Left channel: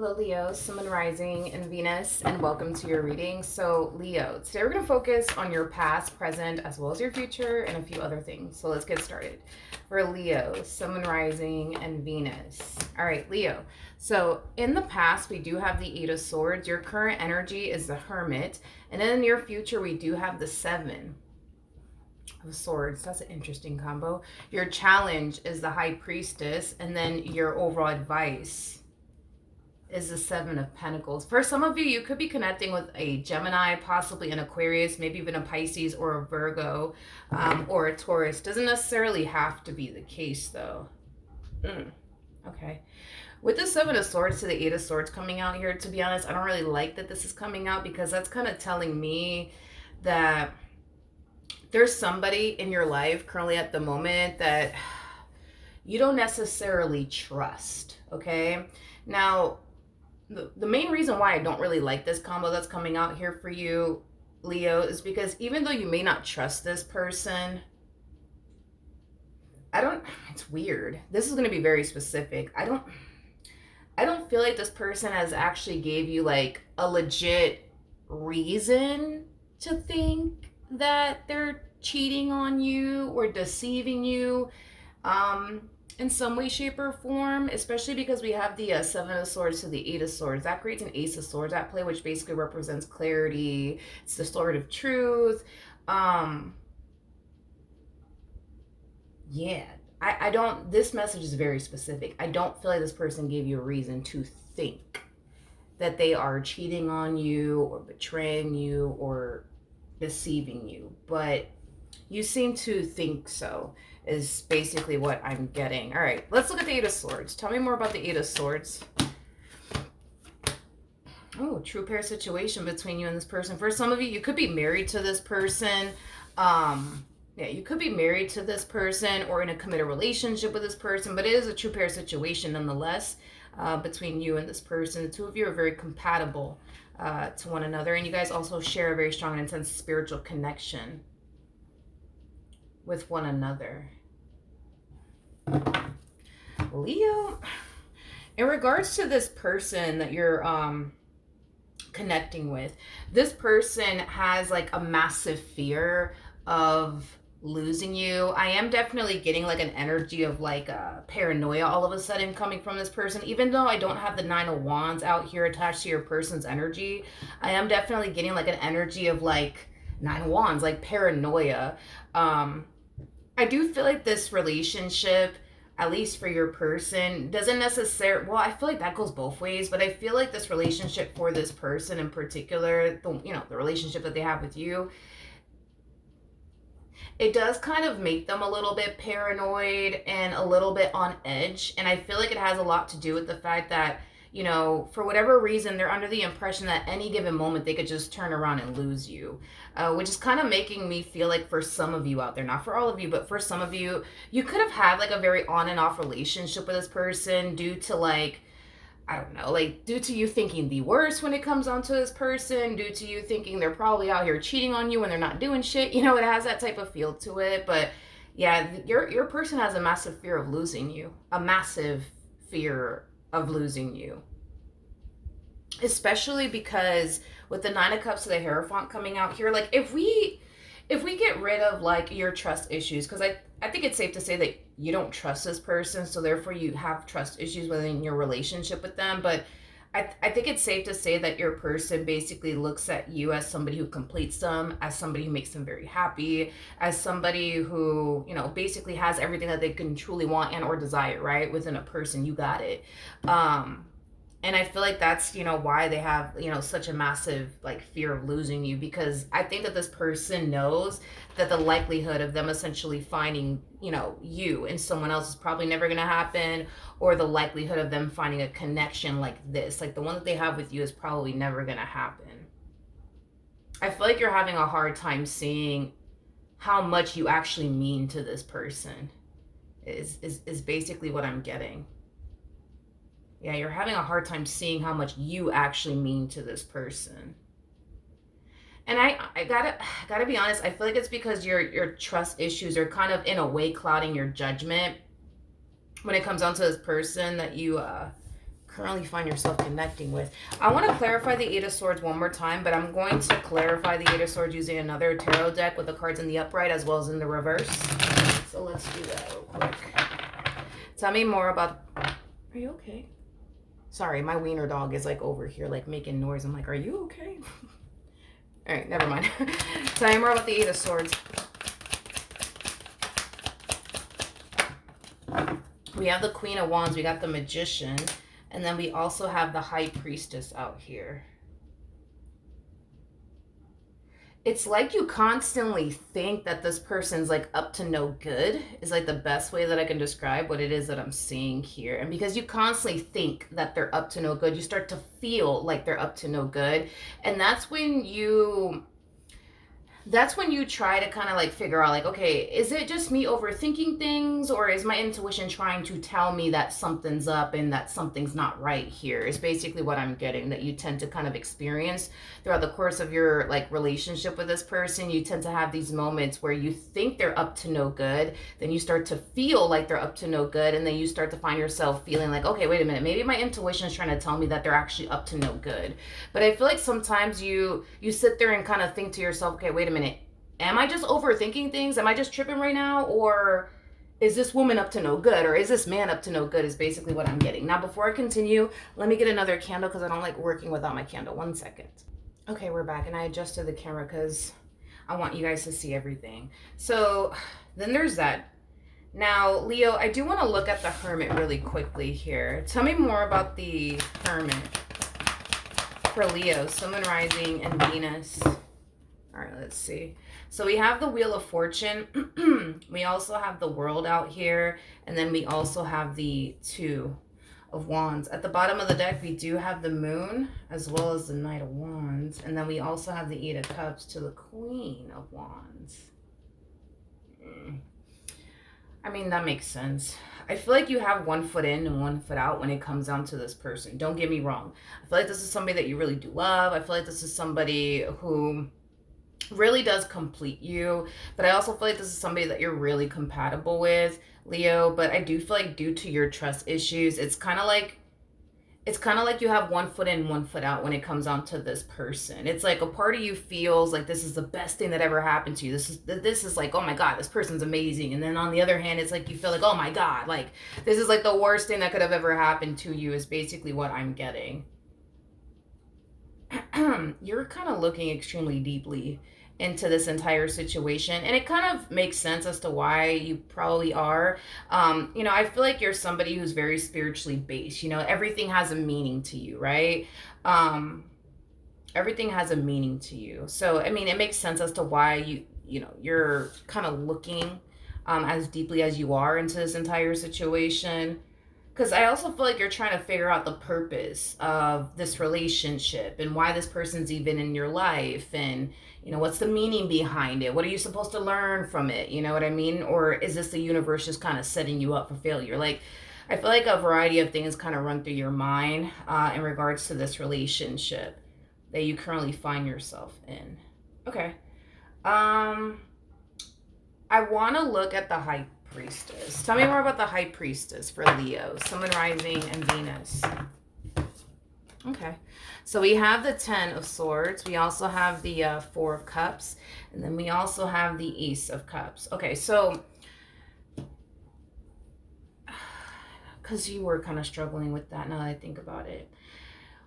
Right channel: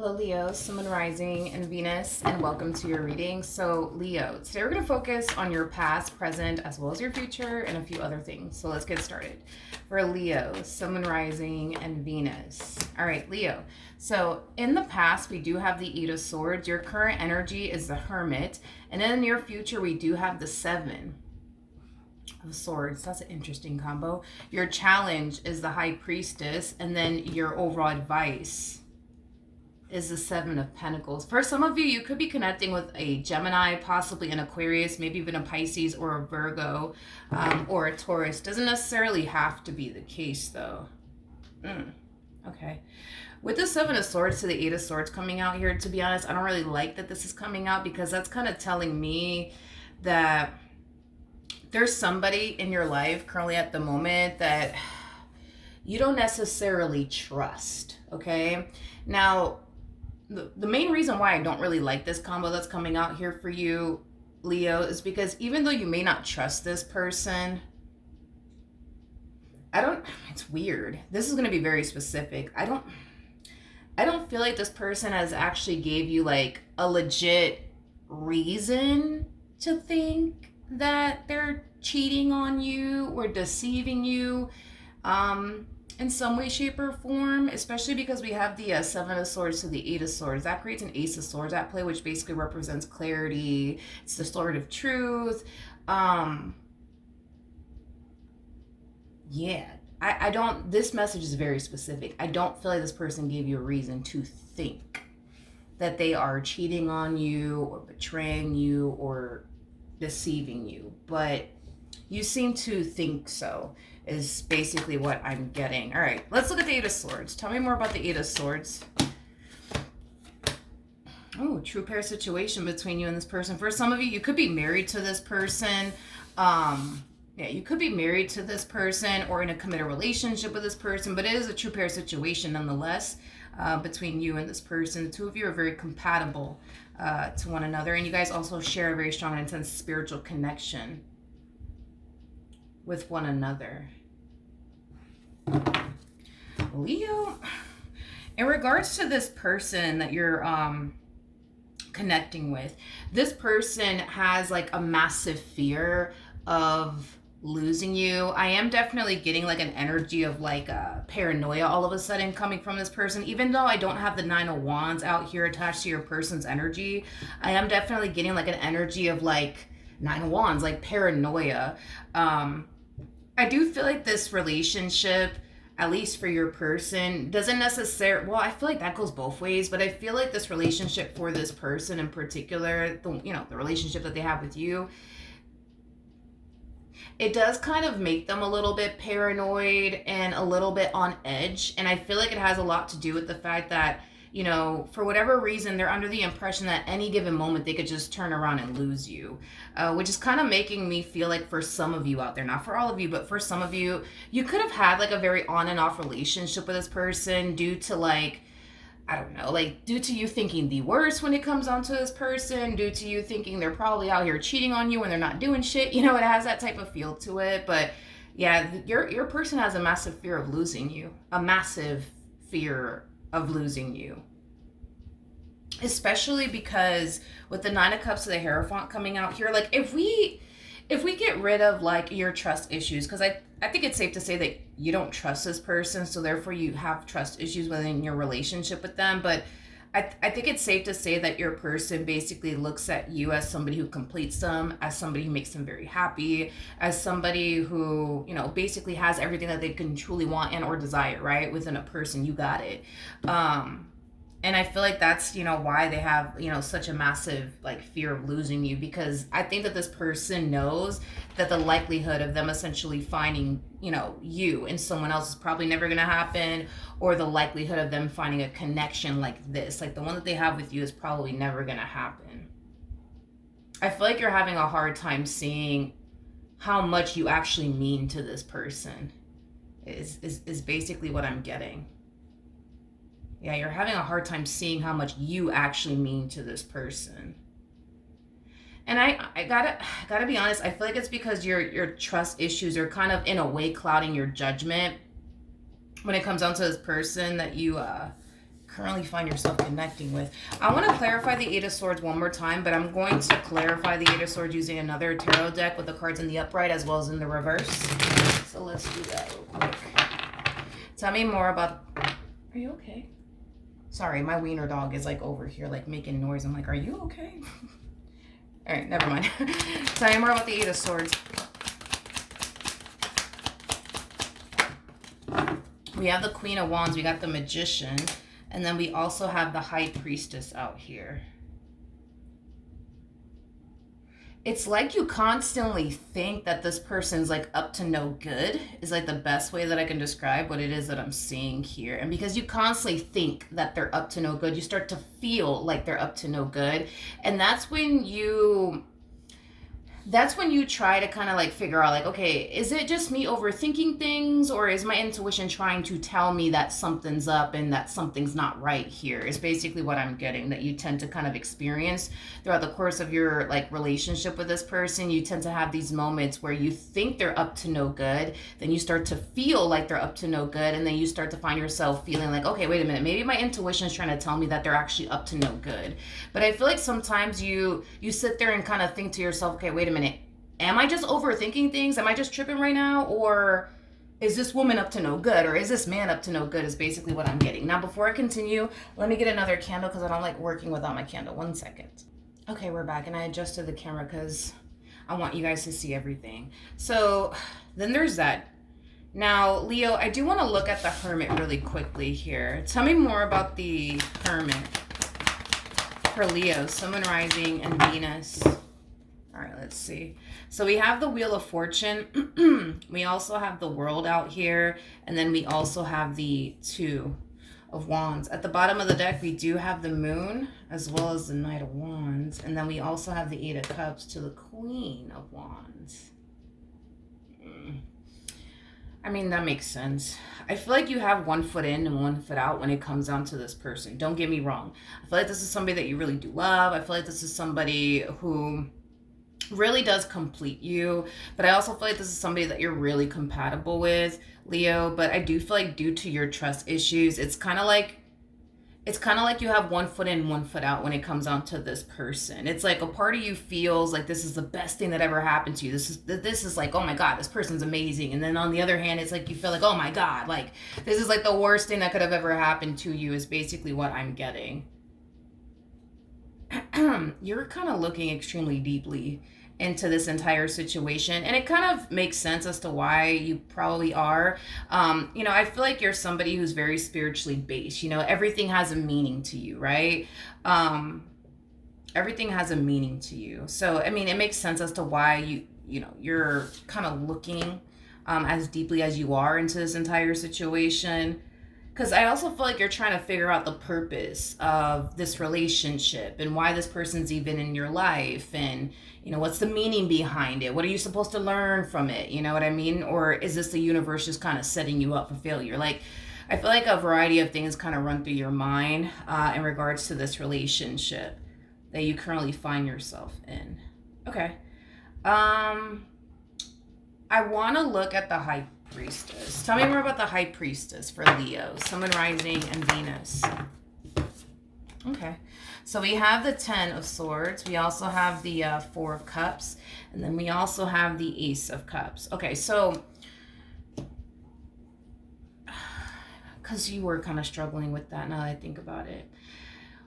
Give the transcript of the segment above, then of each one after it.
Hello, Leo, Sun, Moon, Rising, and Venus, and welcome to your reading. So, Leo, today we're going to focus on your past, present, as well as your future, and a few other things. So, let's get started. For Leo, Sun, Moon, Rising, and Venus. All right, Leo. So, in the past, we do have the Eight of Swords. Your current energy is the Hermit. And in the near future, we do have the Seven of Swords. That's an interesting combo. Your challenge is the High Priestess, and then your overall advice is the Seven of Pentacles. For some of you, you could be connecting with a Gemini, possibly an Aquarius, maybe even a Pisces or a Virgo, or a Taurus. Doesn't necessarily have to be the case, though. Okay. With the Seven of Swords to the Eight of Swords coming out here, to be honest, I don't really like that this is coming out, because that's kind of telling me that there's somebody in your life currently at the moment that you don't necessarily trust, okay? Now, the main reason why I don't really like this combo that's coming out here for you, Leo, is because even though you may not trust this person, it's weird. This is going to be very specific. I don't feel like this person has actually gave you like a legit reason to think that they're cheating on you or deceiving you. In some way, shape, or form, especially because we have the Seven of Swords to the Eight of Swords. That creates an Ace of Swords at play, which basically represents clarity. It's the sword of truth. Yeah, I don't, this message is very specific. I don't feel like this person gave you a reason to think that they are cheating on you or betraying you or deceiving you, but you seem to think so, is basically what I'm getting. All right, let's look at the Eight of Swords. Tell me more about the Eight of Swords. Oh, true pair situation between you and this person. For some of you, you could be married to this person. Yeah, you could be married to this person or in a committed relationship with this person, but it is a true pair situation nonetheless, between you and this person. The two of you are very compatible to one another, and you guys also share a very strong and intense spiritual connection with one another. Leo, in regards to this person that you're connecting with, this person has like a massive fear of losing you. I am definitely getting like an energy of like paranoia all of a sudden coming from this person. Even though I don't have the Nine of Wands out here attached to your person's energy, I am definitely getting like an energy of like Nine of Wands, like paranoia. I do feel like this relationship, at least for your person, doesn't necessarily, well, I feel like that goes both ways, but I feel like this relationship for this person in particular, the relationship that they have with you, it does kind of make them a little bit paranoid and a little bit on edge. And I feel like it has a lot to do with the fact that, for whatever reason, they're under the impression that any given moment they could just turn around and lose you, which is kind of making me feel like for some of you out there, not for all of you, but for some of you, you could have had like a very on and off relationship with this person due to like, I don't know, like due to you thinking the worst when it comes down to this person, due to you thinking they're probably out here cheating on you when they're not doing shit. It has that type of feel to it. But yeah, your person has a massive fear of losing you, a massive fear of losing you. Especially because with the Nine of Cups to the Hierophant coming out here, like if we get rid of like your trust issues, because I think it's safe to say that you don't trust this person, so therefore you have trust issues within your relationship with them. But I think it's safe to say that your person basically looks at you as somebody who completes them, as somebody who makes them very happy, as somebody who, basically has everything that they can truly want and or desire, right? Within a person, you got it. And I feel like that's, why they have, such a massive like fear of losing you, because I think that this person knows that the likelihood of them essentially finding, you and someone else is probably never going to happen, or the likelihood of them finding a connection like this, like the one that they have with you, is probably never going to happen. I feel like you're having a hard time seeing how much you actually mean to this person is basically what I'm getting. Yeah, you're having a hard time seeing how much you actually mean to this person. And I gotta be honest, I feel like it's because your trust issues are kind of in a way clouding your judgment when it comes down to this person that you currently find yourself connecting with. I want to clarify the Eight of Swords one more time, but I'm going to clarify the Eight of Swords using another tarot deck with the cards in the upright as well as in the reverse. So let's do that real quick. Tell me more about... Are you okay? Sorry, my wiener dog is like over here like making noise. I'm like, are you okay? All right, never mind. Tell me more about the Eight of Swords. We have the Queen of Wands, we got the Magician, and then we also have the High Priestess out here. It's like you constantly think that this person's like up to no good is like the best way that I can describe what it is that I'm seeing here. And because you constantly think that they're up to no good, you start to feel like they're up to no good. And that's when you try to kind of like figure out like, okay, is it just me overthinking things, or is my intuition trying to tell me that something's up and that something's not right here, is basically what I'm getting, that you tend to kind of experience throughout the course of your like relationship with this person. You tend to have these moments where you think they're up to no good, then you start to feel like they're up to no good, and then you start to find yourself feeling like, okay, wait a minute, maybe my intuition is trying to tell me that they're actually up to no good. But I feel like sometimes you sit there and kind of think to yourself, okay, wait a minute, am I just overthinking things? Am I just tripping right now? Or is this woman up to no good? Or is this man up to no good, is basically what I'm getting. Now, before I continue, let me get another candle because I don't like working without my candle. 1 second. Okay, we're back, and I adjusted the camera because I want you guys to see everything. So then there's that. Now, Leo, I do want to look at the Hermit really quickly here. Tell me more about the Hermit for Leo, Sun, Moon, Rising, and Venus. All right, let's see. So we have the Wheel of Fortune. We also have the World out here. And then we also have the Two of Wands. At the bottom of the deck, we do have the Moon as well as the Knight of Wands. And then we also have the Eight of Cups to the Queen of Wands. I mean, that makes sense. I feel like you have 1 foot in and 1 foot out when it comes down to this person. Don't get me wrong. I feel like this is somebody that you really do love. I feel like this is somebody who really does complete you, but I also feel like this is somebody that you're really compatible with, Leo. But I do feel like due to your trust issues, it's kind of like you have 1 foot in, 1 foot out when it comes on to this person. It's like a part of you feels like this is the best thing that ever happened to you. This is like, oh my God, this person's amazing. And then on the other hand, it's like you feel like, oh my God, like this is like the worst thing that could have ever happened to you, is basically what I'm getting. You're kind of looking extremely deeply into this entire situation, and it kind of makes sense as to why you probably are. You know, I feel like you're somebody who's very spiritually based. You know, everything has a meaning to you, right? Everything has a meaning to you. So I mean, it makes sense as to why you're kind of looking as deeply as you are into this entire situation. Because I also feel like you're trying to figure out the purpose of this relationship and why this person's even in your life, and you know, what's the meaning behind it? What are you supposed to learn from it? You know what I mean? Or is this the universe just kind of setting you up for failure? Like, I feel like a variety of things kind of run through your mind in regards to this relationship that you currently find yourself in. Okay. I want to look at the High Priestess. Tell me more about the High Priestess for Leo, Sun, Moon, Rising, and Venus. Okay. So we have the 10 of Swords. We also have the 4 of Cups. And then we also have the Ace of Cups. Okay, so because you were kind of struggling with that now that I think about it.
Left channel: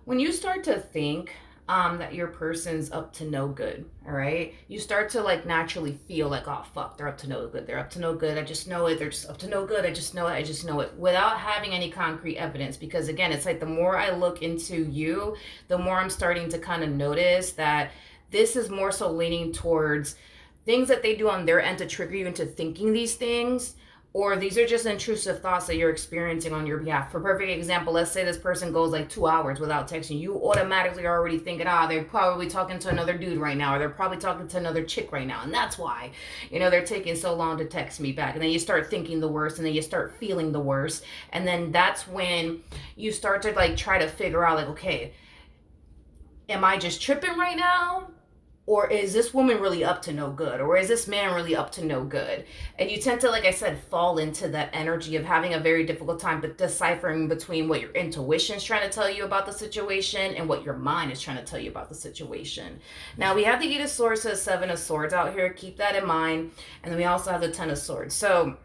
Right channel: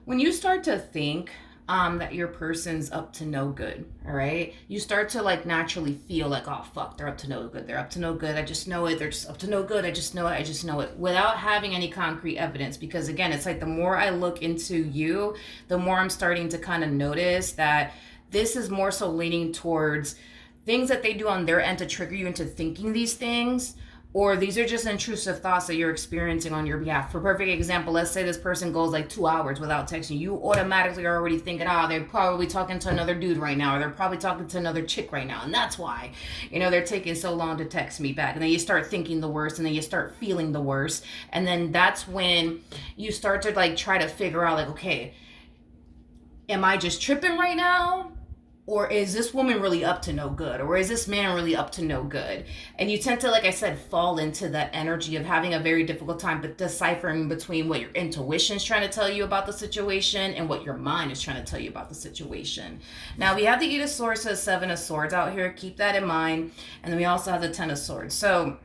When you start to think that your person's up to no good, all right, you start to like naturally feel like, oh fuck, they're up to no good, they're up to no good, I just know it, they're just up to no good, I just know it, without having any concrete evidence. Because again, it's like the more I look into you, the more I'm starting to kind of notice that this is more so leaning towards things that they do on their end to trigger you into thinking these things, or these are just intrusive thoughts that you're experiencing on your behalf. For perfect example, let's say this person goes like 2 hours without texting. You automatically are already thinking, they're probably talking to another dude right now, or they're probably talking to another chick right now. And that's why, you know, they're taking so long to text me back. And then you start thinking the worst, and then you start feeling the worst. And then that's when you start to like try to figure out like, okay, am I just tripping right now? or is this woman really up to no good, or is this man really up to no good? And you tend to, like I said, fall into that energy of having a very difficult time but deciphering between what your intuition is trying to tell you about the situation and what your mind is trying to tell you about the situation. Now we have the Eight of Swords to the Seven of Swords out here, keep that in mind. And then we also have the Ten of Swords. So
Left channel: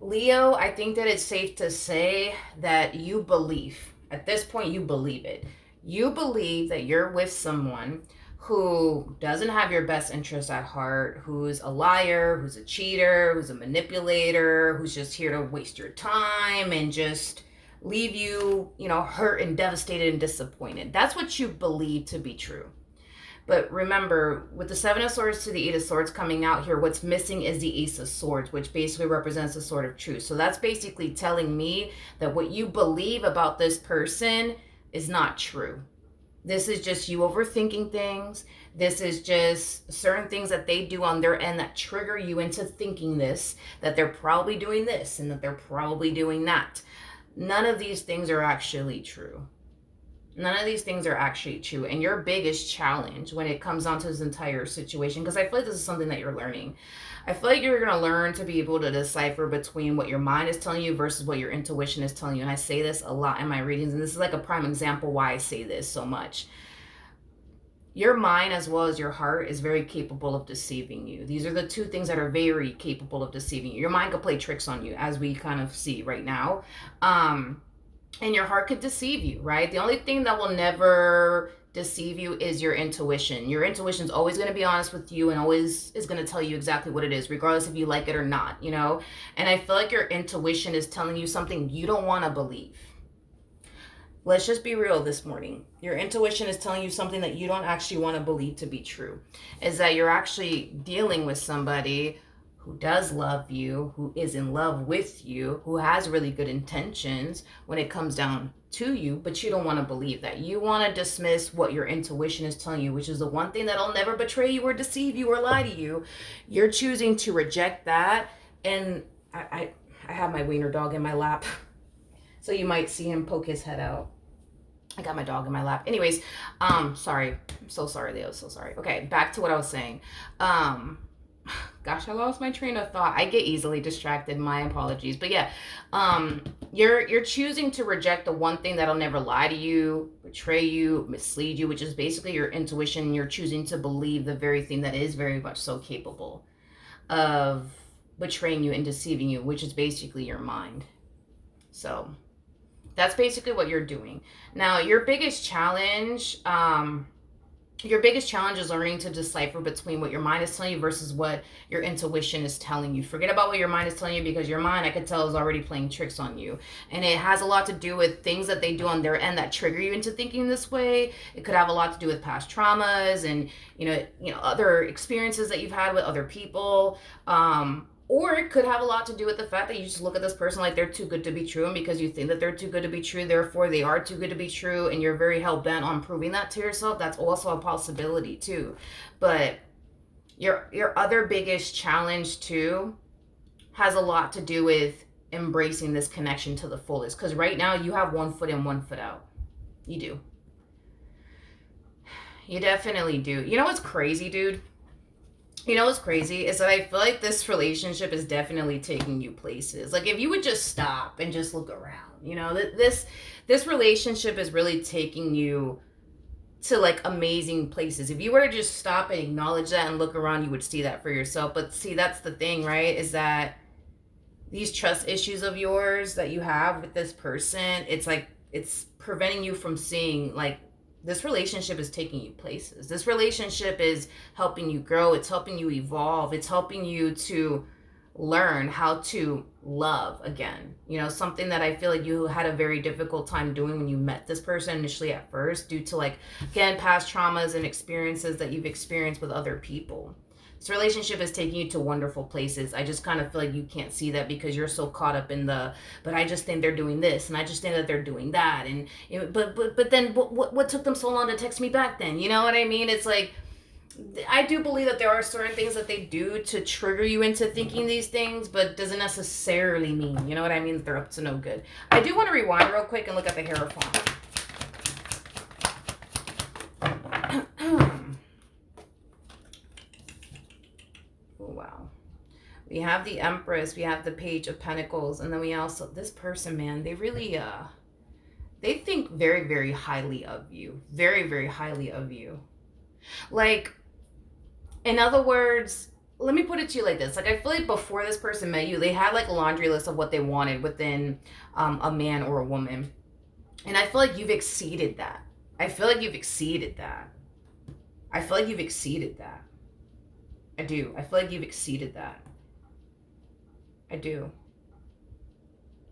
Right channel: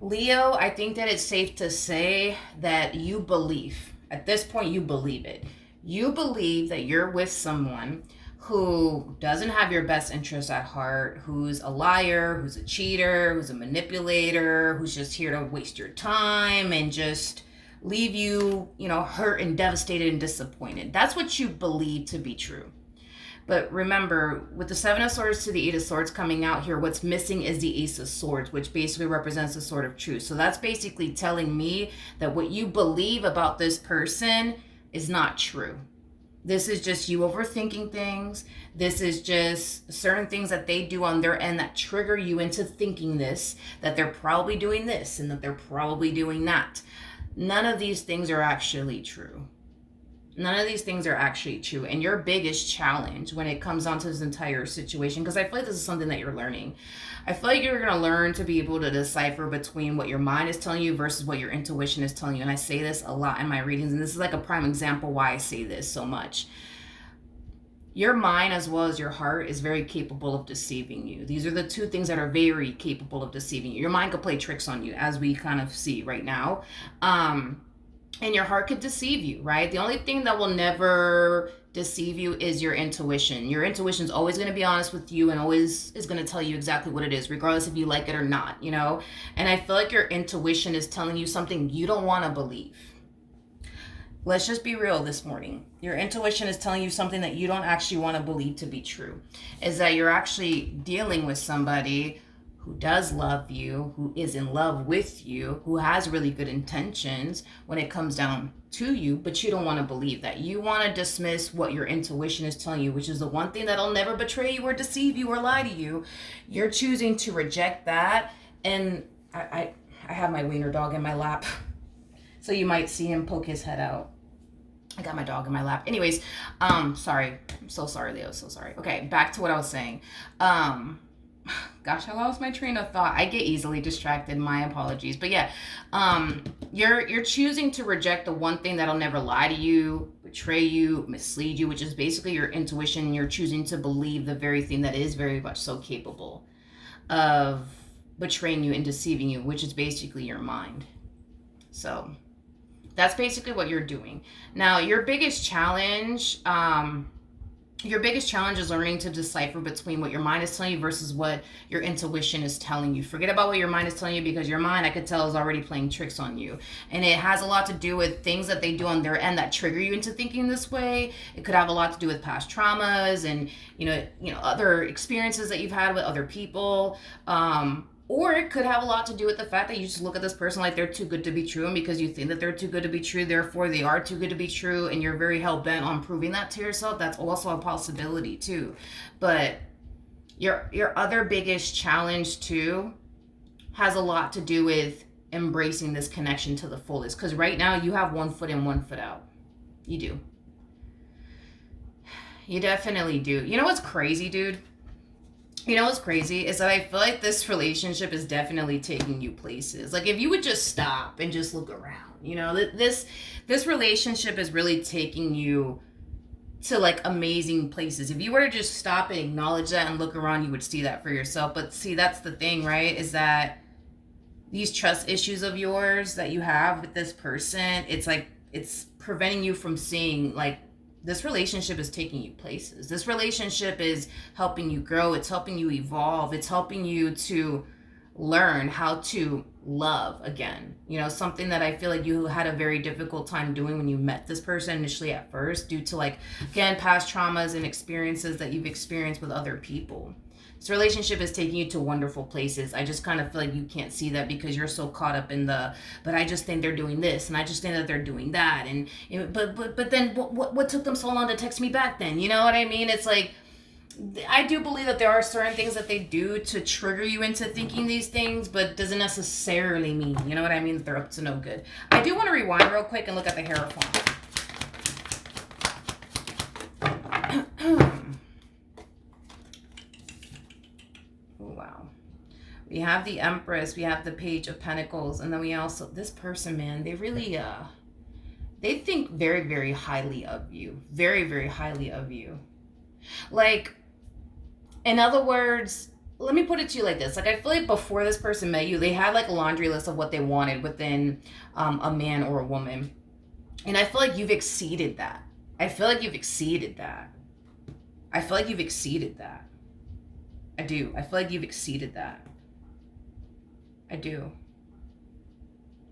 Leo, I think that it's safe to say that you believe, at this point you believe it. You believe that you're with someone who doesn't have your best interest at heart, who's a liar, who's a cheater, who's a manipulator, who's just here to waste your time and just leave you, hurt and devastated and disappointed. That's what you believe to be true. But remember, with the Seven of Swords to the Eight of Swords coming out here, what's missing is the Ace of Swords, which basically represents the sword of truth. So that's basically telling me that what you believe about this person is not true. This is just you overthinking things. This is just certain things that they do on their end that trigger you into thinking this, that they're probably doing this and that they're probably doing that. None of these things are actually true. None of these things are actually true. And your biggest challenge when it comes down to this entire situation, because I feel like this is something that you're learning. I feel like you're going to learn to be able to decipher between what your mind is telling you versus what your intuition is telling you. And I say this a lot in my readings, and this is like a prime example why I say this so much. Your mind as well as your heart is very capable of deceiving you. These are the two things that are very capable of deceiving you. Your mind could play tricks on you, as we kind of see right now. And your heart could deceive you, right? The only thing that will never deceive you is your intuition. Your intuition is always going to be honest with you and always is going to tell you exactly what it is, regardless if you like it or not, And I feel like your intuition is telling you something you don't want to believe. Let's just be real this morning. Your intuition is telling you something that you don't actually want to believe to be true. Is that you're actually dealing with somebody who does love you, who is in love with you, who has really good intentions when it comes down to you, but you don't want to believe that. You want to dismiss what your intuition is telling you, which is the one thing that'll never betray you or deceive you or lie to you. You're choosing to reject that. And I have my wiener dog in my lap, so you might see him poke his head out. I got my dog in my lap. Anyways, sorry. I'm so sorry, Leo. So sorry. Okay, back to what I was saying. Gosh, I lost my train of thought. I get easily distracted. My apologies. But yeah, you're choosing to reject the one thing that'll never lie to you, betray you, mislead you, which is basically your intuition. You're choosing to believe the very thing that is very much so capable of betraying you and deceiving you, which is basically your mind. So that's basically what you're doing. Now, your biggest challenge is learning to decipher between what your mind is telling you versus what your intuition is telling you. Forget about what your mind is telling you, because your mind, I could tell, is already playing tricks on you. And it has a lot to do with things that they do on their end that trigger you into thinking this way. It could have a lot to do with past traumas and, other experiences that you've had with other people. Or it could have a lot to do with the fact that you just look at this person like they're too good to be true, and because you think that they're too good to be true, therefore they are too good to be true, and you're very hell-bent on proving that to yourself. That's also a possibility too. But your other biggest challenge too has a lot to do with embracing this connection to the fullest, because right now you have one foot in, one foot out. You do. You definitely do. You know what's crazy, dude? You know what's crazy is that I feel like this relationship is definitely taking you places. Like, if you would just stop and just look around, this relationship is really taking you to like amazing places. If you were to just stop and acknowledge that and look around, you would see that for yourself. But see, that's the thing, right? Is that these trust issues of yours that you have with this person, it's like, it's preventing you from seeing, like, this relationship is taking you places. This relationship is helping you grow. It's helping you evolve. It's helping you to learn how to love again. Something that I feel like you had a very difficult time doing when you met this person initially at first, due to, like, again, past traumas and experiences that you've experienced with other people. This relationship is taking you to wonderful places. I just kind of feel like you can't see that because you're so caught up in but I just think they're doing this, and I just think that they're doing that, and but then what took them so long to text me back then? You know what I mean? It's like, I do believe that there are certain things that they do to trigger you into thinking these things, but doesn't necessarily mean, you know what I mean, that they're up to no good. I do want to rewind real quick and look at the Hierophant. We have the Empress, we have the Page of Pentacles, and then we also, this person, man, they really, they think very, very highly of you. Very, very highly of you. Like, in other words, let me put it to you like this. Like, I feel like before this person met you, they had like a laundry list of what they wanted within a man or a woman. And I feel like you've exceeded that. I feel like you've exceeded that. I feel like you've exceeded that. I do. I feel like you've exceeded that. I do.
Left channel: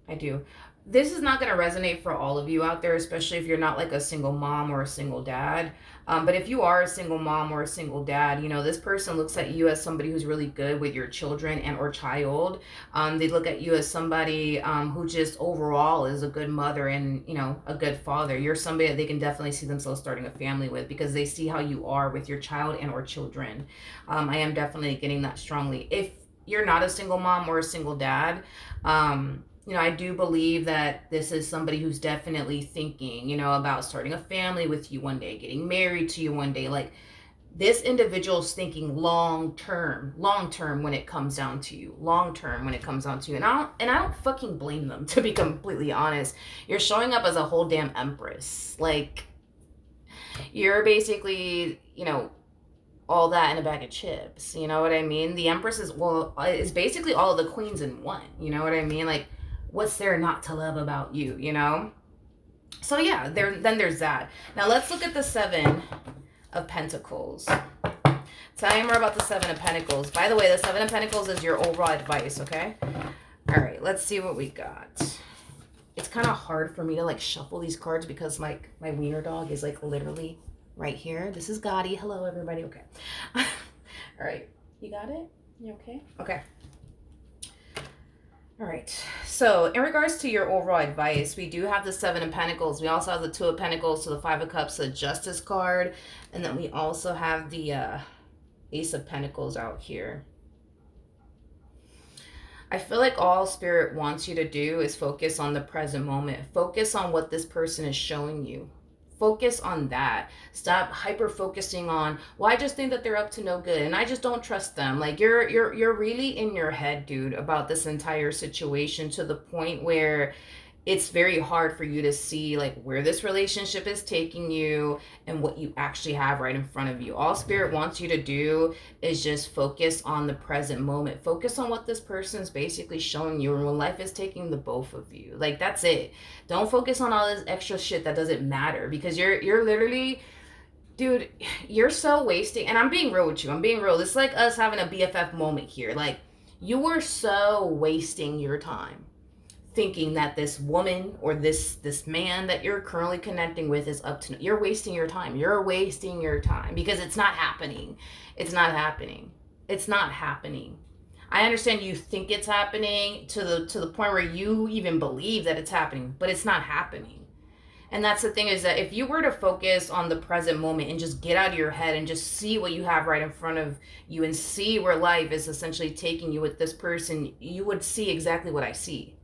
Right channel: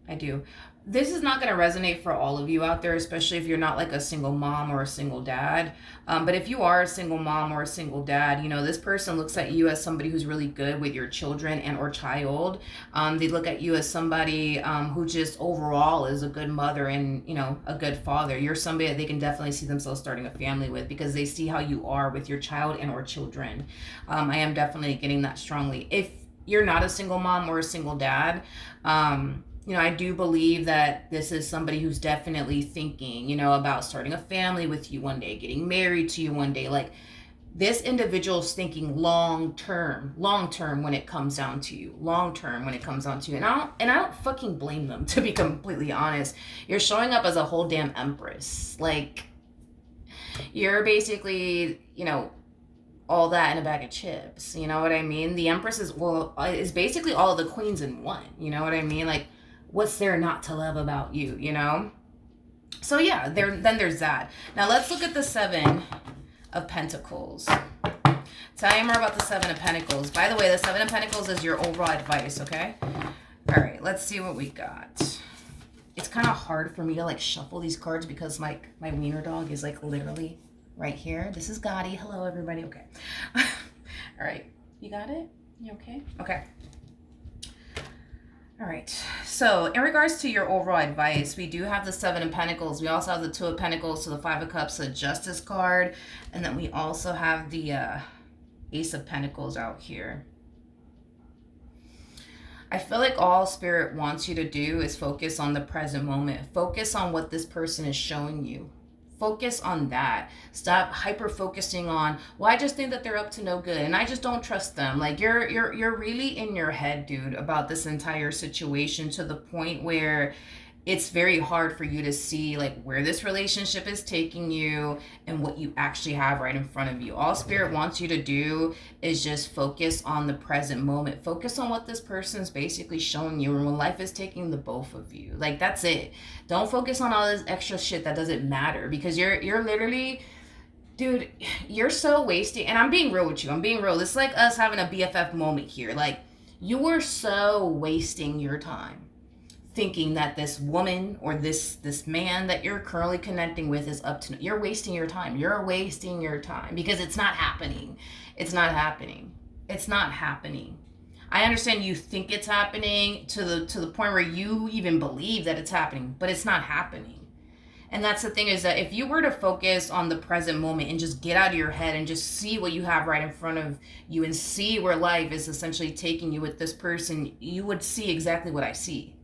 I do. This is not going to resonate for all of you out there, especially if you're not like a single mom or a single dad. But if you are a single mom or a single dad, you know, this person looks at you as somebody who's really good with your children and or child. They look at you as somebody who just overall is a good mother and, you know, a good father. You're somebody that they can definitely see themselves starting a family with because they see how you are with your child and or children. I am definitely getting that strongly. If you're not a single mom or a single dad, you know, I do believe that this is somebody who's definitely thinking, you know, about starting a family with you one day, getting married to you one day. Like, this individual's thinking long term when it comes down to you, long term when it comes down to you. And I don't fucking blame them, to be completely honest. You're showing up as a whole damn empress. Like, you're basically, you know, all that in a bag of chips. You know what I mean? The empress is basically all of the queens in one. You know what I mean? Like, what's there not to love about you, you know? So yeah, then there's that. Now let's look at the Seven of Pentacles. Tell me more about the Seven of Pentacles. By the way, the Seven of Pentacles is your overall advice, okay? All right, let's see what we got. It's kind of hard for me to like shuffle these cards because my wiener dog is like literally right here. This is Gotti. Hello, everybody. Okay. All right, you got it? You okay? Okay. All right, so in regards to your overall advice, we do have the Seven of Pentacles. We also have the Two of Pentacles, so the Five of Cups, the Justice card. And then we also have the Ace of Pentacles out here. I feel like all Spirit wants you to do is focus on the present moment. Focus on what this person is showing you. Focus on that. Stop hyper focusing on, well, I just think that they're up to no good and I just don't trust them. Like, you're really in your head, dude, about this entire situation to the point where it's very hard for you to see like where this relationship is taking you and what you actually have right in front of you. All Spirit wants you to do is just focus on the present moment. Focus on what this person's basically showing you and when life is taking the both of you. Like, that's it. Don't focus on all this extra shit that doesn't matter because you're literally, dude, you're so wasting. And I'm being real with you. I'm being real. This is like us having a BFF moment here. Like, you are so wasting your time thinking that this woman or this man that you're currently connecting with is up to, you're wasting your time. You're wasting your time because it's not happening. It's not happening. It's not happening. I understand you think it's happening to the point where you even believe that it's happening, but it's not happening. And that's the thing, is that if you were to focus on the present moment and just get out of your head and just see what you have right in front of you and see where life is essentially taking you with this person, you would see exactly what I see.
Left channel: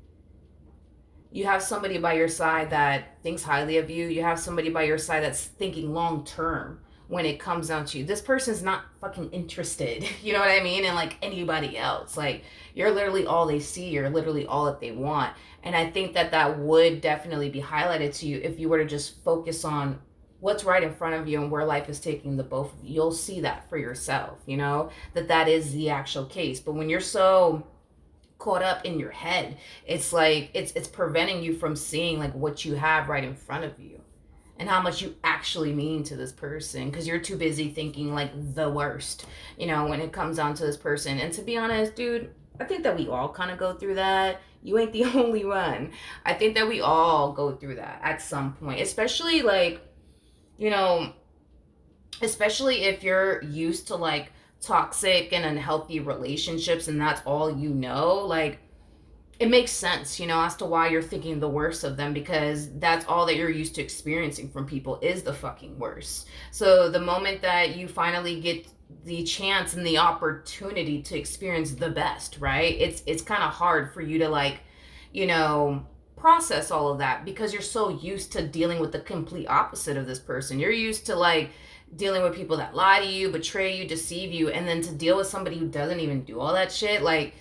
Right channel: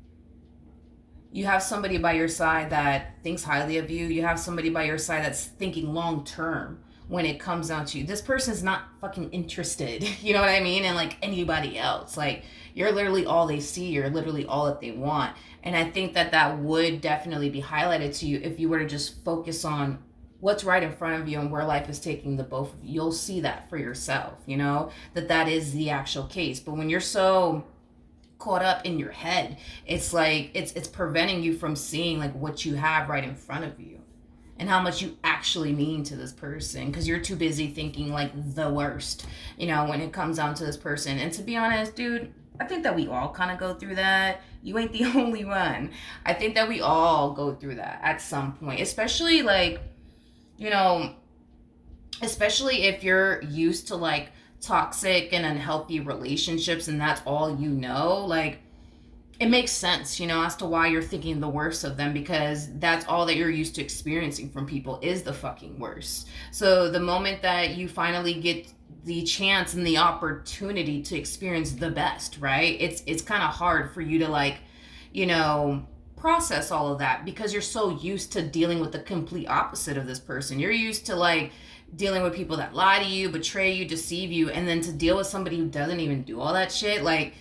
You have somebody by your side that thinks highly of you. You have somebody by your side that's thinking long term when it comes down to you. This person's not fucking interested, you know what I mean? And like anybody else, like, you're literally all they see. You're literally all that they want. And I think that would definitely be highlighted to you if you were to just focus on what's right in front of you and where life is taking the both of you. You'll see that for yourself, you know, that is the actual case. But when you're so caught up in your head, it's like it's preventing you from seeing like what you have right in front of you and how much you actually mean to this person, because you're too busy thinking like the worst, you know, when it comes down to this person. And to be honest, dude, I think that we all kind of go through that. You ain't the only one. I think that we all go through that at some point, especially like, you know, especially if you're used to like toxic and unhealthy relationships and that's all you know. Like, it makes sense, you know, as to why you're thinking the worst of them, because that's all that you're used to experiencing from people is the fucking worst. So the moment that you finally get the chance and the opportunity to experience the best, right, it's kind of hard for you to like, you know, process all of that because you're so used to dealing with the complete opposite of this person. You're used to like dealing with people that lie to you, betray you, deceive you, and then to deal with somebody who doesn't even do all that shit, like,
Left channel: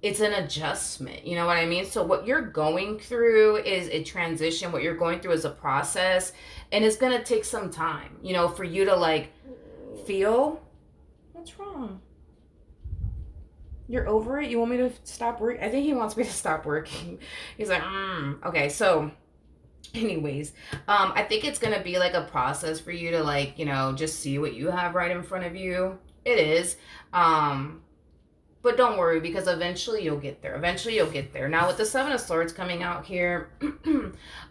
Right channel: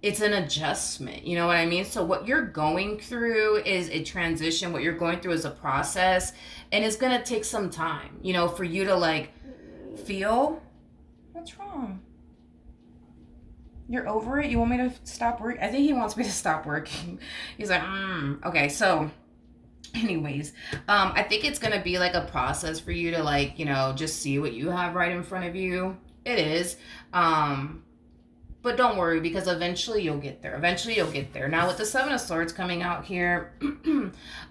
it's an adjustment, you know what I mean? So what you're going through is a transition. What you're going through is a process, and it's gonna take some time, you know, for you to like feel. What's wrong? You're over it? You want me to stop working? I think he wants me to stop working. He's like, okay. So anyways, I think it's gonna be like a process for you to like, you know, just see what you have right in front of you. It is. But don't worry, because eventually you'll get there. Eventually you'll get there. Now with the Seven of Swords coming out here,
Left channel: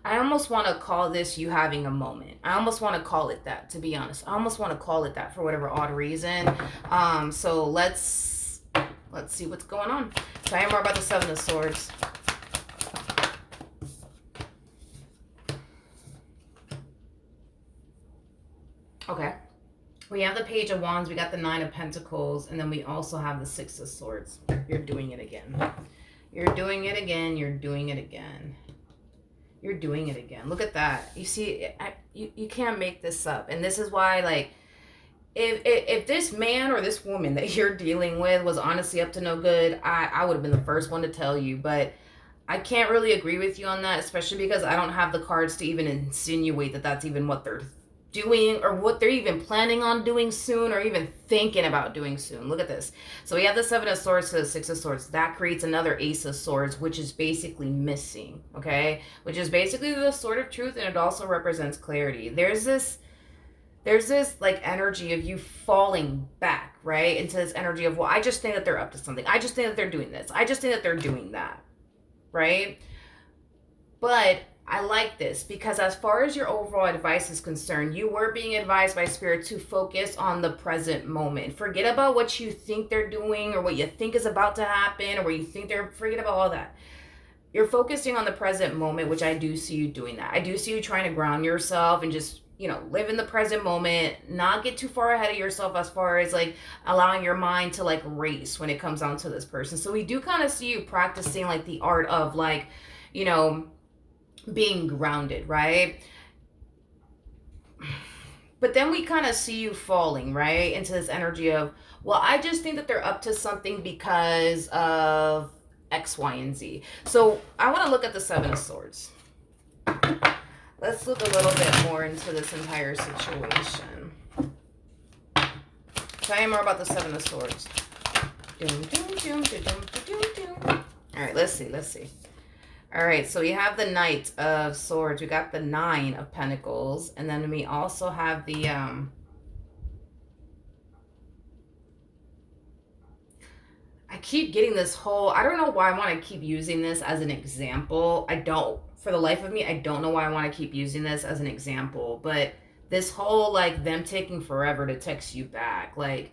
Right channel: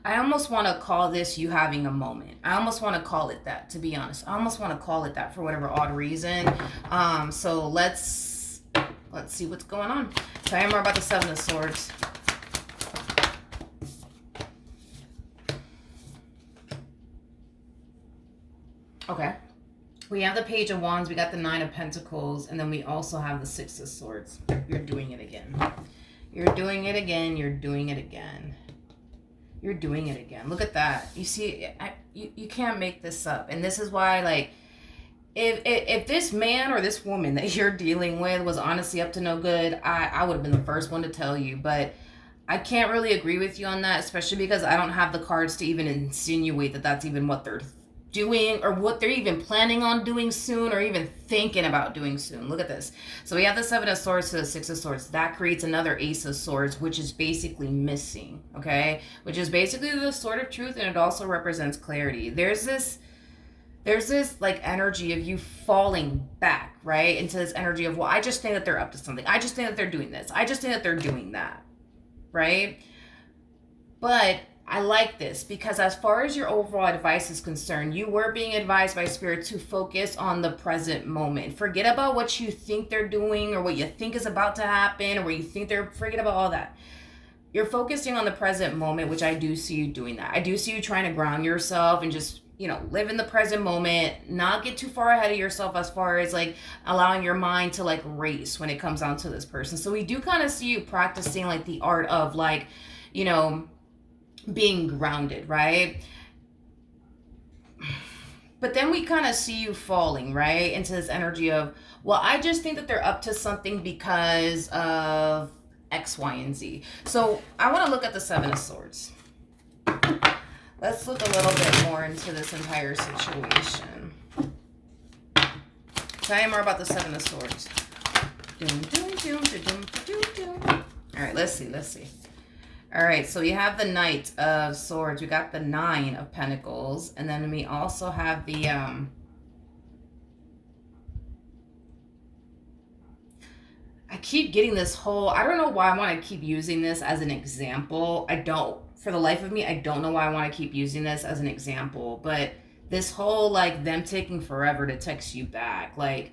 I almost want to call this you having a moment. I almost want to call it that, to be honest. I almost want to call it that for whatever odd reason. So let's see what's going on. Tell me more about the Seven of Swords. Okay. We have the Page of Wands, we got the Nine of Pentacles, and then we also have the Six of Swords. You're doing it again. You're doing it again. You're doing it again. You're doing it again. Look at that. You see, you can't make this up. And this is why, like, if this man or this woman that you're dealing with was honestly up to no good, I would have been the first one to tell you. But I can't really agree with you on that, especially because I don't have the cards to even insinuate that that's even what they're doing or what they're even planning on doing soon or even thinking about doing soon. Look at this. So we have the Seven of Swords to the Six of Swords. That creates another Ace of Swords, which is basically missing, okay? Which is basically the Sword of Truth, and it also represents clarity. There's this like energy of you falling back, right? Into this energy of, well, I just think that they're up to something. I just think that they're doing this. I just think that they're doing that, right? But I like this because as far as your overall advice is concerned, you were being advised by Spirit to focus on the present moment. Forget about what you think they're doing or what you think is about to happen or what you think they're, forget about all that. You're focusing on the present moment, which I do see you doing that. I do see you trying to ground yourself and just, you know, live in the present moment, not get too far ahead of yourself as far as like allowing your mind to like race when it comes down to this person. So we do kind of see you practicing like the art of like, you know, being grounded, right? But then we kind of see you falling, right, into this energy of, well, I just think that they're up to something because of X, Y, and Z. So I want to look at the Seven of Swords. Let's look a little bit more into this entire situation. Tell me more about the Seven of Swords. All right, let's see. All right, so we have the Knight of Swords. We got the Nine of Pentacles. And then we also have the... I keep getting this whole... I don't know why I want to keep using this as an example. I don't. For the life of me, I don't know why I want to keep using this as an example. But this whole, like, them taking forever to text you back. Like,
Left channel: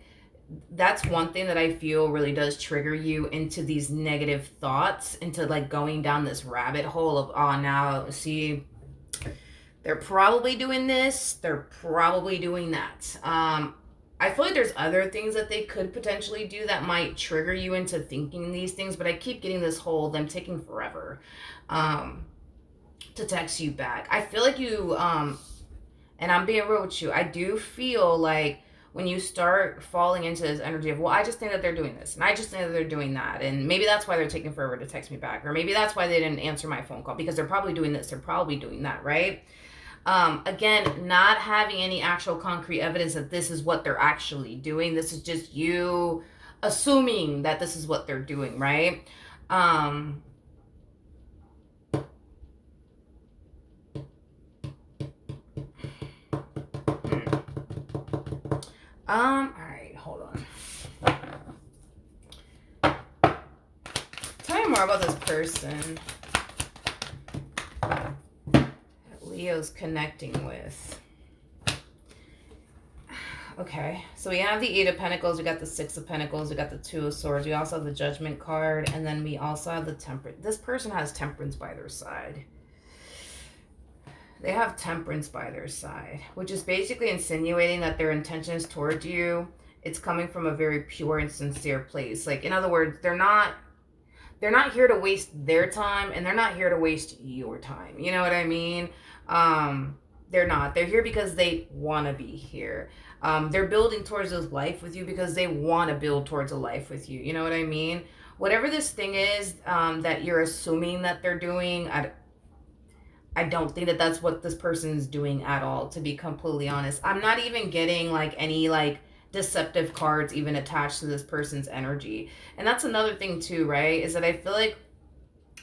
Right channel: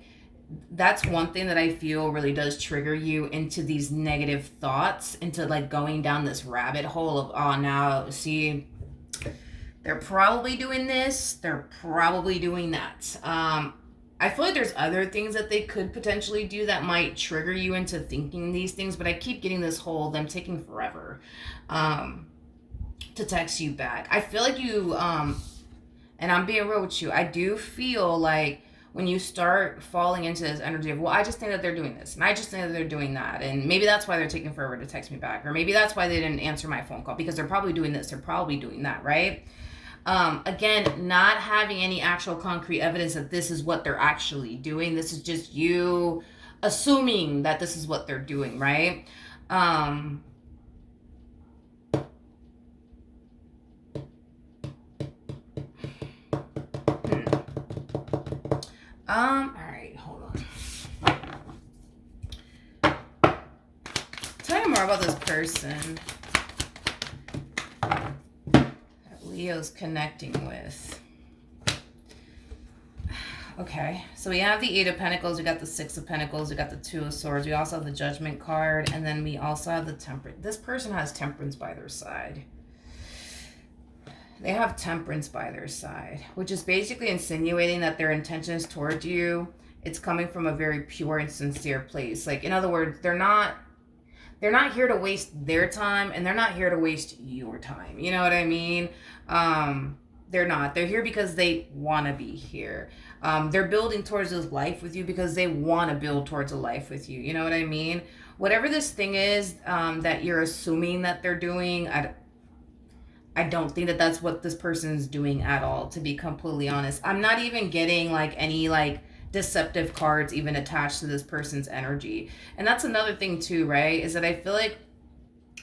that's one thing that I feel really does trigger you into these negative thoughts, into like going down this rabbit hole of, oh, now see, they're probably doing this, they're probably doing that. I feel like there's other things that they could potentially do that might trigger you into thinking these things, but I keep getting this whole them taking forever to text you back. I feel like you, and I'm being real with you, I do feel like when you start falling into this energy of, well, I just think that they're doing this, and I just think that they're doing that, and maybe that's why they're taking forever to text me back, or maybe that's why they didn't answer my phone call, because they're probably doing this, they're probably doing that, right? Again, not having any actual concrete evidence that this is what they're actually doing. This is just you assuming that this is what they're doing, right? All right, hold on. Tell me more about this person that Leo's connecting with. Okay, so we have the Eight of Pentacles, we got the Six of Pentacles, we got the Two of Swords, we also have the Judgment card, and then we also have the Temperance. This person has Temperance by their side. They have Temperance by their side, which is basically insinuating that their intentions towards you, it's coming from a very pure and sincere place. Like, in other words, they're not here to waste their time, and they're not here to waste your time. You know what I mean? They're not. They're here because they want to be here. They're building towards this life with you because they want to build towards a life with you. You know what I mean? Whatever this thing is that you're assuming that they're doing, I don't think that that's what this person's doing at all, to be completely honest. I'm not even getting like any like deceptive cards even attached to this person's energy. And that's another thing too, right? Is that I feel like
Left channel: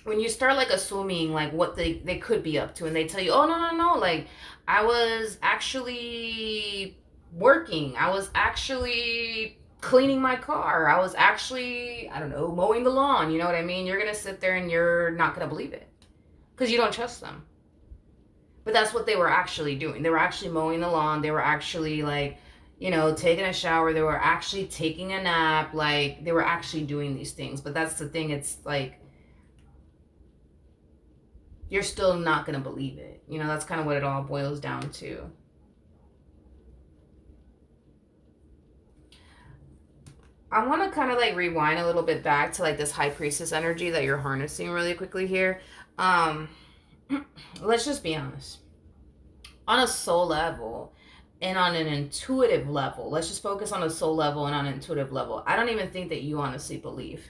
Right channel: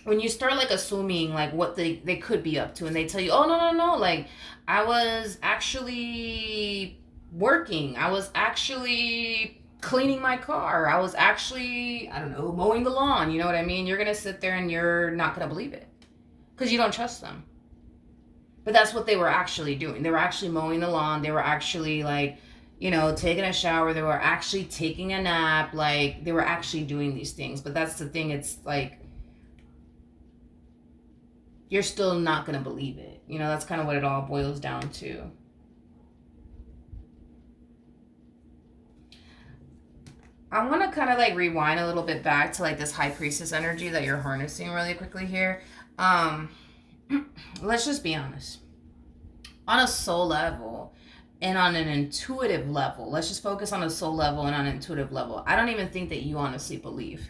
when you start like assuming like what they could be up to, and they tell you, oh no, like I was actually working, I was actually cleaning my car, I was actually, I don't know, mowing the lawn, you know what I mean? You're gonna sit there and you're not gonna believe it because you don't trust them. But that's what they were actually doing. They were actually mowing the lawn. They were actually like, taking a shower. They were actually taking a nap. Like they were actually doing these things. But that's the thing. It's like, you're still not going to believe it. That's kind of what it all boils down to. I want to kind of like rewind a little bit back to like this high priestess energy that you're harnessing really quickly here. Let's just be honest. On a soul level and on an intuitive level, let's just focus on a soul level and on an intuitive level. I don't even think that you honestly believe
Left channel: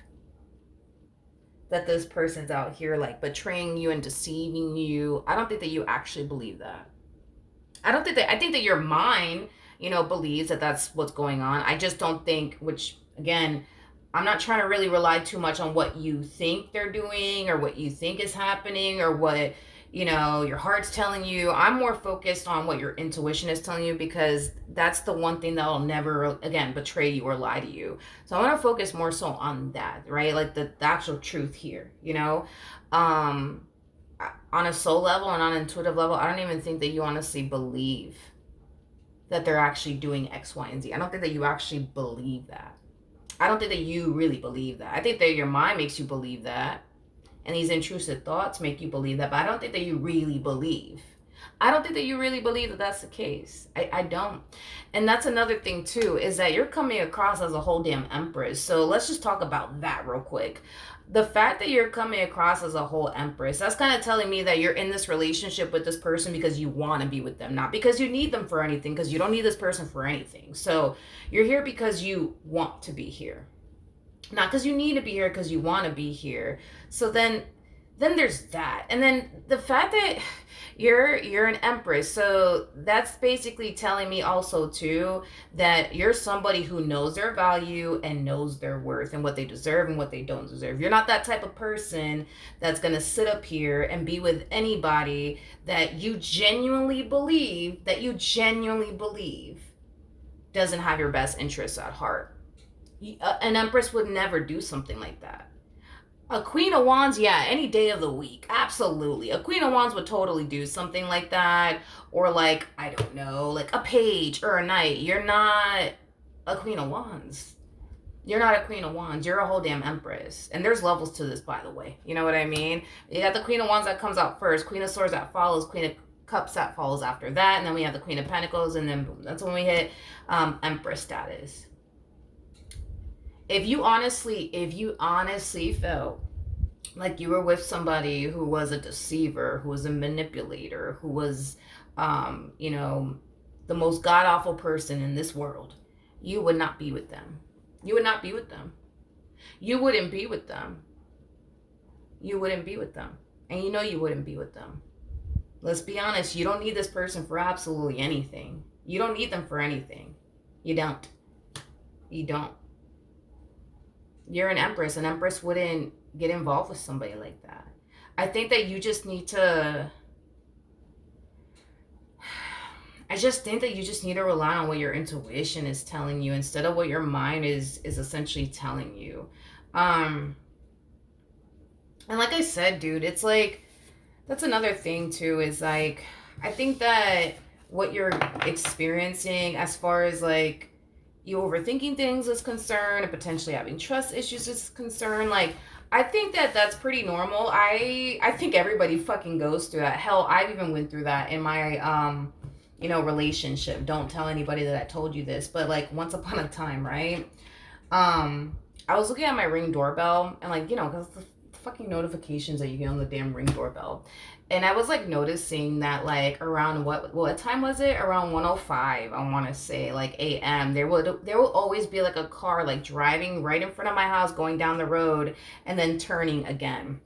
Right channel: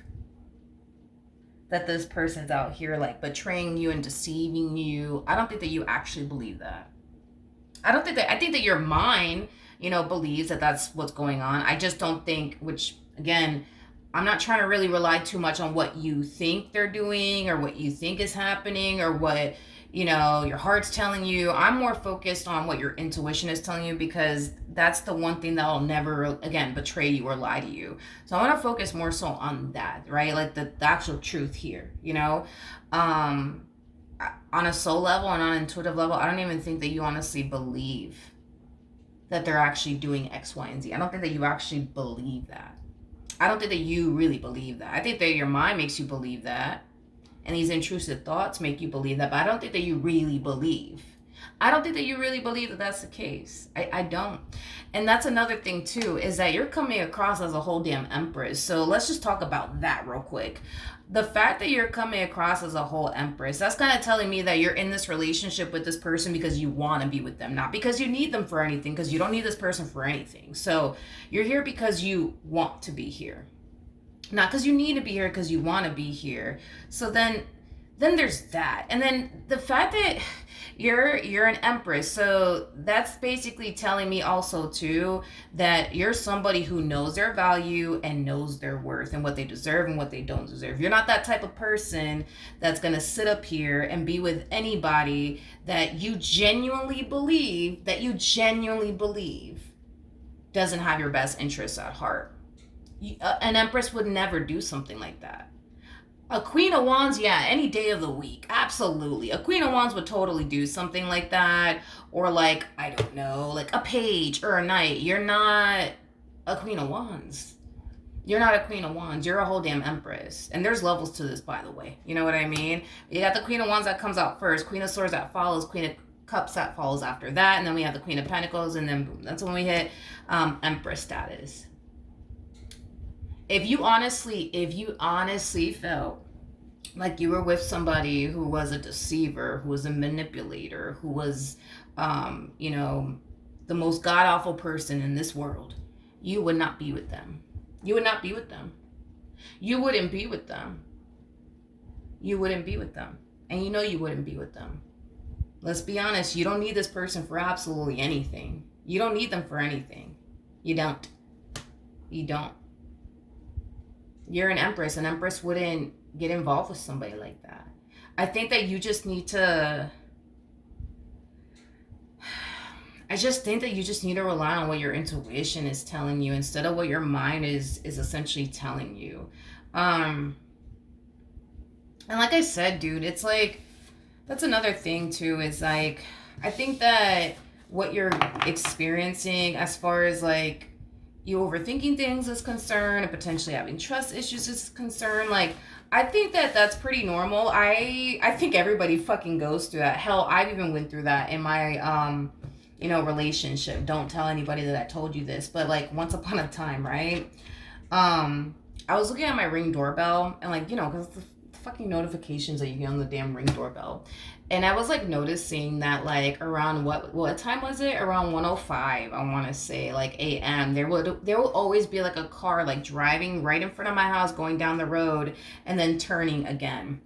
that this person's out here like betraying you and deceiving you. I don't think that you actually believe that. I think that your mind, believes that that's what's going on. I just don't think, which again, I'm not trying to really rely too much on what you think they're doing or what you think is happening or what, your heart's telling you. I'm more focused on what your intuition is telling you, because that's the one thing that'll never, again, betray you or lie to you. So I want to focus more so on that, right? Like the actual truth here, on a soul level and on an intuitive level. I don't even think that you honestly believe that they're actually doing X, Y, and Z. I don't think that you actually believe that. I don't think that you really believe that. I think that your mind makes you believe that. And these intrusive thoughts make you believe that. But I don't think that you really believe. I don't think that you really believe that that's the case. I don't. And that's another thing too, is that you're coming across as a whole damn empress. So let's just talk about that real quick. The fact that you're coming across as a whole empress, that's kind of telling me that you're in this relationship with this person because you want to be with them, not because you need them for anything, because you don't need this person for anything. So you're here because you want to be here, not because you need to be here, because you want to be here. So then there's that. And then the fact that you're an empress, so that's basically telling me also too that you're somebody who knows their value and knows their worth and what they deserve and what they don't deserve. You're not that type of person that's going to sit up here and be with anybody that you genuinely believe doesn't have your best interests at heart. An empress would never do something like that. A Queen of Wands, yeah, any day of the week, absolutely. A Queen of Wands would totally do something like that. Or like, I don't know, like a page or a knight. You're not a Queen of Wands. You're not a Queen of Wands. You're a whole damn empress. And there's levels to this, by the way. You know what I mean? You got the Queen of Wands that comes out first. Queen of Swords that follows. Queen of Cups that follows after that. And then we have the Queen of Pentacles. And then boom, that's when we hit Empress status. If you honestly felt like you were with somebody who was a deceiver, who was a manipulator, who was, the most god-awful person in this world, you would not be with them. You would not be with them. You wouldn't be with them. You wouldn't be with them. And you wouldn't be with them. Let's be honest, you don't need this person for absolutely anything. You don't need them for anything. You don't. You don't. You're an empress. An empress wouldn't get involved with somebody like that. I think that you just need to... I just think that you just need to rely on what your intuition is telling you instead of what your mind is essentially telling you. And like I said, dude, it's like... That's another thing, too, is like... I think that what you're experiencing as far as like... you overthinking things is concerned and potentially having trust issues is concerned, like, I think that that's pretty normal. I think everybody fucking goes through that. Hell, I've even went through that in my relationship. Don't tell anybody that I told you this, but like once upon a time, right? I was looking at my Ring doorbell and like, because the fucking notifications that you get on the damn Ring doorbell. And I was like noticing that like around what time was it? Around 1:05, I want to say, like a.m. There will always be like a car like driving right in front of my house, going down the road and then turning again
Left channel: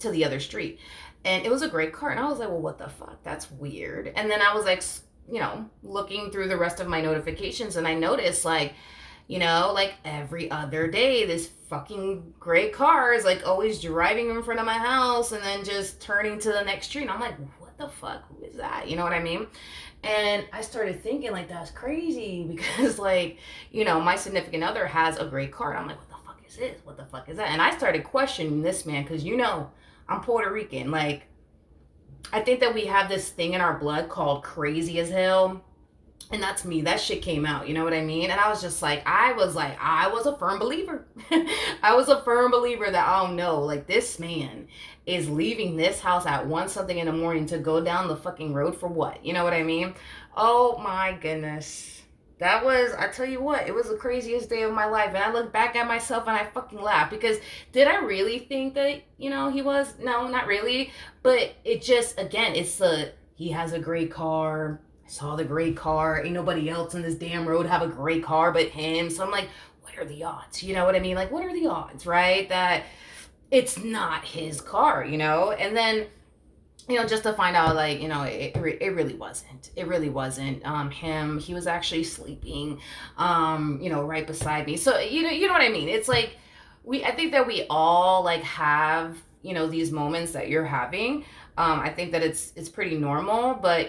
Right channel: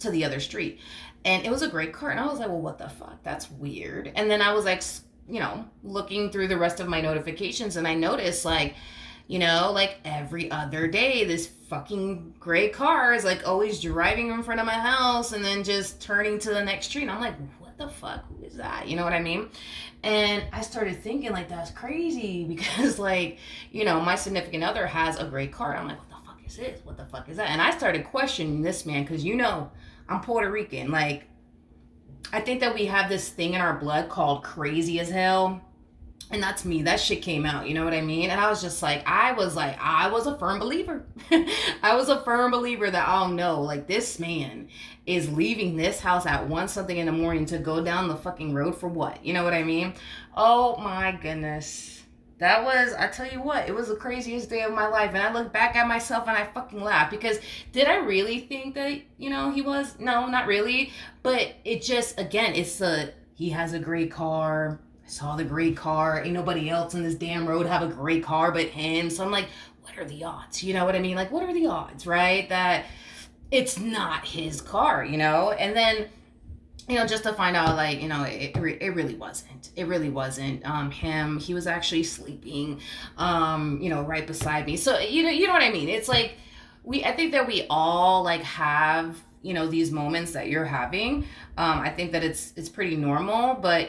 to the other street. And it was a great car. And I was like, well, what the fuck? That's weird. And then I was like, looking through the rest of my notifications, and I noticed like, like every other day, this fucking gray car is like always driving in front of my house and then just turning to the next street. And I'm like, what the fuck? Who is that? You know what I mean? And I started thinking like, that's crazy because like, my significant other has a gray car. And I'm like, what the fuck is this? What the fuck is that? And I started questioning this man because, I'm Puerto Rican. Like, I think that we have this thing in our blood called crazy as hell. And that's me. That shit came out. You know what I mean? And I was just like, I was a firm believer. I was a firm believer that, oh no, like this man is leaving this house at 1 something in the morning to go down the fucking road for what? You know what I mean? Oh my goodness. I tell you what, it was the craziest day of my life. And I look back at myself and I fucking laugh because did I really think that, he was? No, not really. But it just, again, he has a great car. I saw the great car. Ain't nobody else on this damn road have a great car but him. So I'm like, what are the odds? You know what I mean? Like, what are the odds, right? That it's not his car, And then, just to find out, like, it really wasn't. It really wasn't him. He was actually sleeping, right beside me. So, you know what I mean? It's like, I think that we all, like, have, these moments that you're having. I think that it's pretty normal. But,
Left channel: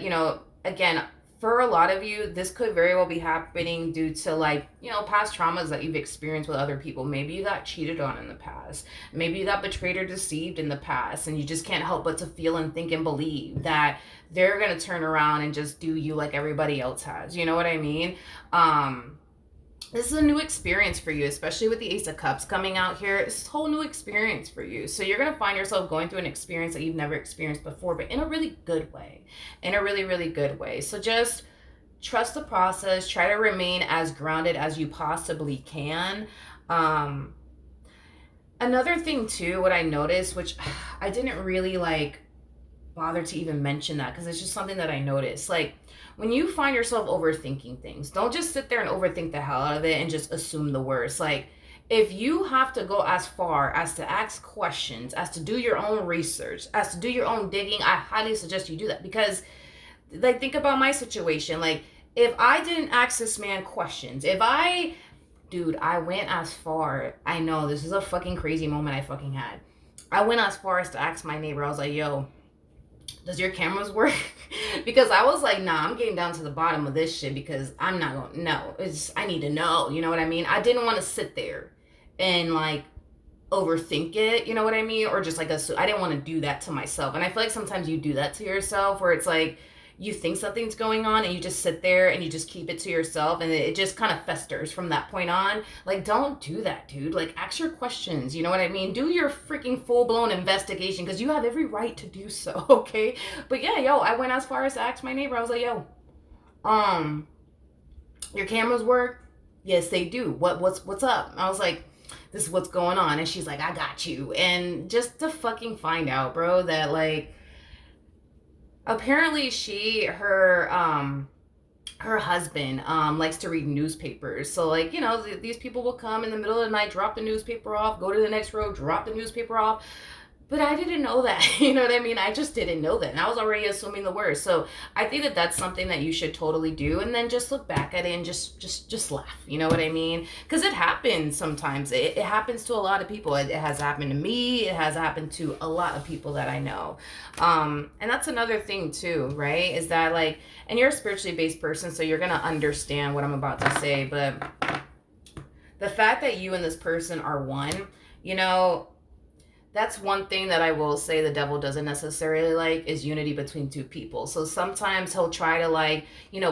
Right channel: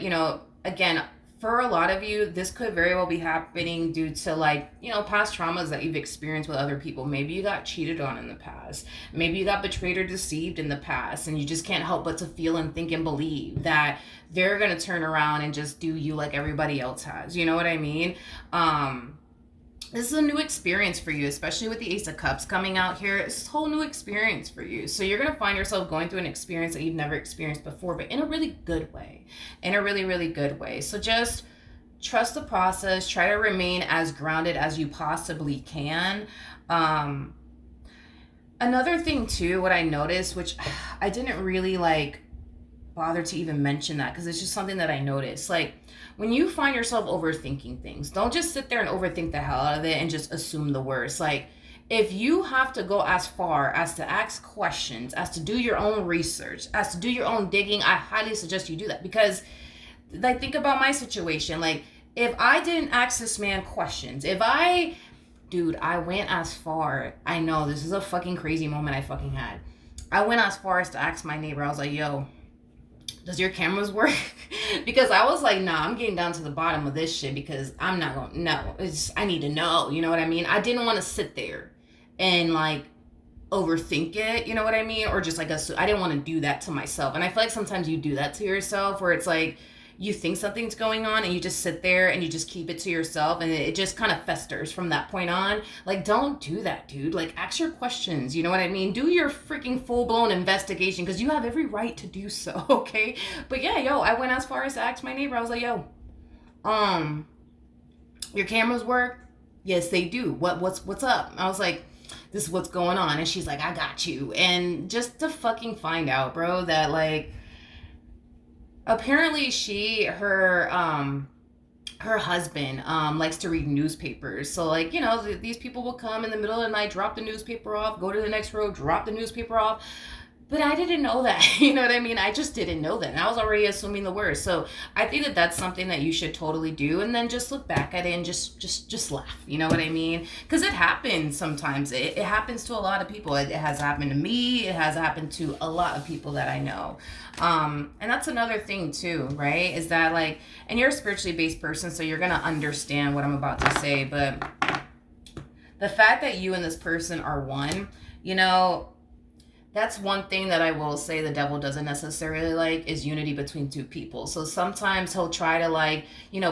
again, for a lot of you, this could very well be happening due to like, past traumas that you've experienced with other people. Maybe you got cheated on in the past. Maybe you got betrayed or deceived in the past. And you just can't help but to feel and think and believe that they're going to turn around and just do you like everybody else has. You know what I mean? This is a new experience for you, especially with the Ace of Cups coming out here. It's a whole new experience for you. So you're going to find yourself going through an experience that you've never experienced before, but in a really good way. In a really, really good way. So just trust the process. Try to remain as grounded as you possibly can. Another thing, too, what I noticed, which I didn't really, like, bother to even mention that because it's just something that I noticed. Like, when you find yourself overthinking things, don't just sit there and overthink the hell out of it and just assume the worst. Like, if you have to go as far as to ask questions, as to do your own research, as to do your own digging, I highly suggest you do that. Because, like, think about my situation. Like, if I didn't ask this man questions, I went as far, I know, this is a fucking crazy moment I fucking had. I went as far as to ask my neighbor, I was like, yo, does your cameras work? Because I was like, nah, I'm getting down to the bottom of this shit because I'm not going to know. I need to know, you know what I mean? I didn't want to sit there and like overthink it, you know what I mean? Or just like, I didn't want to do that to myself. And I feel like sometimes you do that to yourself where it's like, you think something's going on and you just sit there and you just keep it to yourself and it just kind of festers from that point on. Like, don't do that, dude. Like, ask your questions, you know what I mean? Do your freaking full-blown investigation because you have every right to do so, okay? But yeah, I went as far as to ask my neighbor. I was like, yo, your cameras work? Yes, they do. What's up? I was like, this is what's going on. And she's like, I got you. And just to fucking find out, bro, that like, apparently her husband likes to read newspapers. So like, these people will come in the middle of the night, drop the newspaper off, go to the next row, drop the newspaper off. But I didn't know that, you know what I mean? I just didn't know that. And I was already assuming the worst. So I think that that's something that you should totally do. And then just look back at it and just laugh. You know what I mean? Because it happens sometimes. It happens to a lot of people. It has happened to me. It has happened to a lot of people that I know. And that's another thing too, right? Is that like, and you're a spiritually based person, so you're going to understand what I'm about to say. But the fact that you and this person are one, that's one thing that I will say the devil doesn't necessarily like is unity between two people. So sometimes he'll try to like,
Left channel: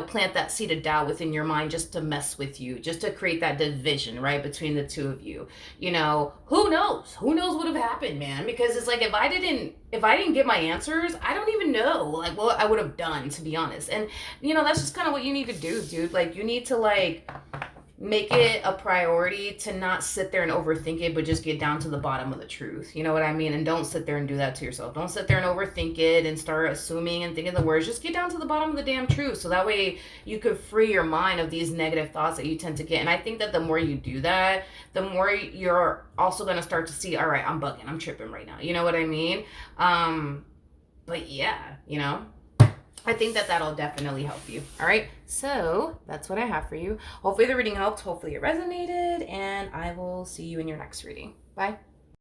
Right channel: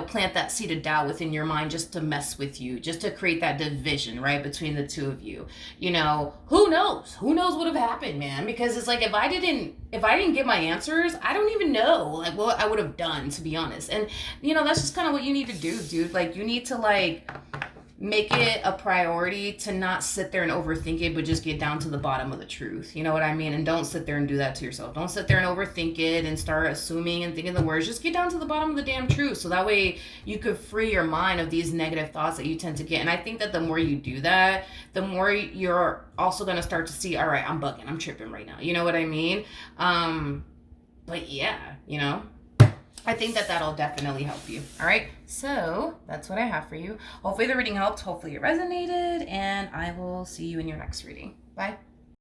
plant that seed of doubt within your mind just to mess with you, just to create that division, right, between the two of you. Who knows? Who knows what would have happened, man? Because it's like if I didn't get my answers, I don't even know like what I would have done, to be honest. And that's just kind of what you need to do, dude. Like you need to like make it a priority to not sit there and overthink it, but just get down to the bottom of the truth. You know what I mean? And don't sit there and do that to yourself. Don't sit there and overthink it and start assuming and thinking the words. Just get down to the bottom of the damn truth. So that way you could free your mind of these negative thoughts that you tend to get. And I think that the more you do that, the more you're also going to start to see, all right, I'm bugging. I'm tripping right now. You know what I mean? But yeah, I think that that'll definitely help you. All right. So that's what I have for you. Hopefully the reading helped. Hopefully it resonated. And I will see you in your next reading. Bye.